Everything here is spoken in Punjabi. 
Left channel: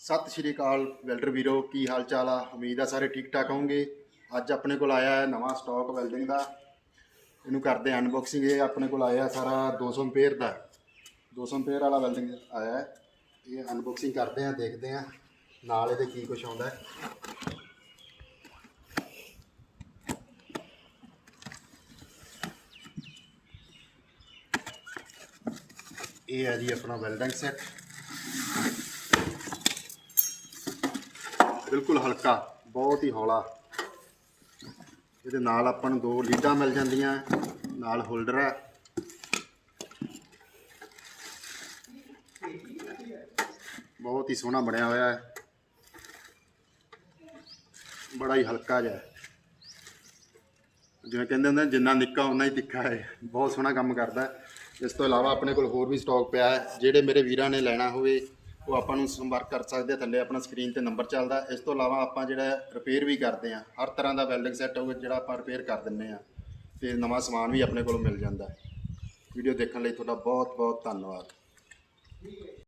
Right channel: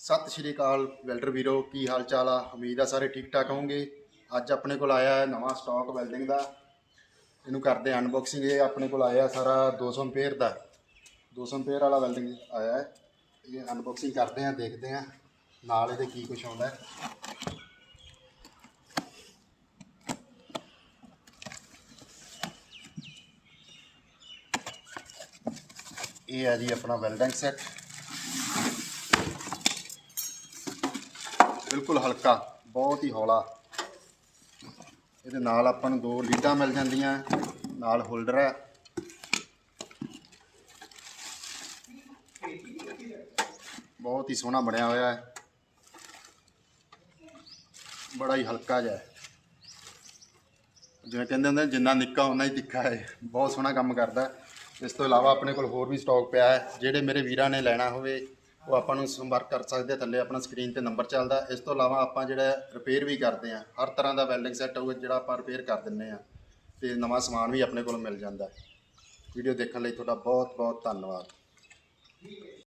ਸਤਿ ਸ਼੍ਰੀ ਅਕਾਲ ਵੈਲਡਰ ਵੀਰੋ, ਕੀ ਹਾਲ ਚਾਲ ਆ? ਉਮੀਦ ਆ ਸਾਰੇ ਠੀਕ ਠਾਕ ਹੋਵੋਗੇ ਅੱਜ ਆਪਣੇ ਕੋਲ ਆਇਆ ਹੈ ਨਵਾਂ ਸਟਾਕ ਵੈਲਡਿੰਗ ਦਾ। ਇਹਨੂੰ ਕਰਦੇ ਅਨਬਾਕਸਿੰਗ ਇਹ ਆਪਣੇ ਕੋਲ ਆਇਆ ਸਾਰਾ 200 ਐਂਪੀਅਰ ਦਾ। 200 ਐਂਪੀਅਰ ਵਾਲਾ ਵੈਲਡਿੰਗ ਆਇਆ ਇਹ ਅਨਬਾਕਸਿੰਗ ਕਰਦੇ ਆ ਦੇਖਦੇ ਆ ਨਾਲ ਇਹਦੇ ਕੀ ਕੁਝ ਆਉਂਦਾ ਇਹ ਹੈ ਜੀ ਆਪਣਾ ਵੈਲਡਿੰਗ ਸੈੱਟ ਬਿਲਕੁਲ ਹਲਕਾ, ਬਹੁਤ ਹੀ ਹੌਲਾ। ਇਹਦੇ ਨਾਲ ਆਪਾਂ ਨੂੰ ਦੋ ਲੀਡਾਂ ਮਿਲ ਜਾਂਦੀਆਂ, ਨਾਲ ਹੋਲਡਰ ਹੈ। ਬਹੁਤ ਹੀ ਸੋਹਣਾ ਬਣਿਆ ਹੋਇਆ ਹੈ। ਬੜਾ ਹੀ ਹਲਕਾ ਜਿਹਾ ਜਿਵੇਂ ਕਹਿੰਦੇ ਹੁੰਦੇ ਜਿੰਨਾ ਨਿੱਕਾ ਉਨਾ ਹੀ ਤਿੱਖਾ ਹੈ। ਬਹੁਤ ਸੋਹਣਾ ਕੰਮ ਕਰਦਾ ਇਸ ਤੋਂ ਇਲਾਵਾ ਆਪਣੇ ਕੋਲ ਹੋਰ ਵੀ ਸਟਾਕ ਪਿਆ ਹੈ। ਜਿਹੜੇ ਮੇਰੇ ਵੀਰਾਂ ਨੇ ਲੈਣਾ ਹੋਵੇ ਉਹ ਆਪਾਂ ਨੂੰ ਸੰਪਰਕ ਕਰ ਸਕਦੇ ਆ, ਥੱਲੇ ਆਪਣਾ ਸਕਰੀਨ ਤੇ ਨੰਬਰ ਚੱਲਦਾ। ਇਸ ਤੋਂ ਇਲਾਵਾ ਆਪਾਂ ਜਿਹੜਾ ਰਿਪੇਅਰ ਵੀ ਕਰਦੇ ਆ, ਹਰ ਤਰ੍ਹਾਂ ਦਾ ਵੈਲਡਿੰਗ ਸੈੱਟ ਹੋਵੇ, ਜਿਹੜਾ ਆਪਾਂ ਰਿਪੇਅਰ ਕਰ ਦਿੰਨੇ ਆ, ਤੇ ਨਵਾਂ ਸਮਾਨ ਵੀ ਆਪਣੇ ਕੋਲ ਮਿਲ ਜਾਂਦਾ। ਵੀਡੀਓ ਦੇਖਣ ਲਈ ਤੁਹਾਡਾ ਬਹੁਤ ਬਹੁਤ ਧੰਨਵਾਦ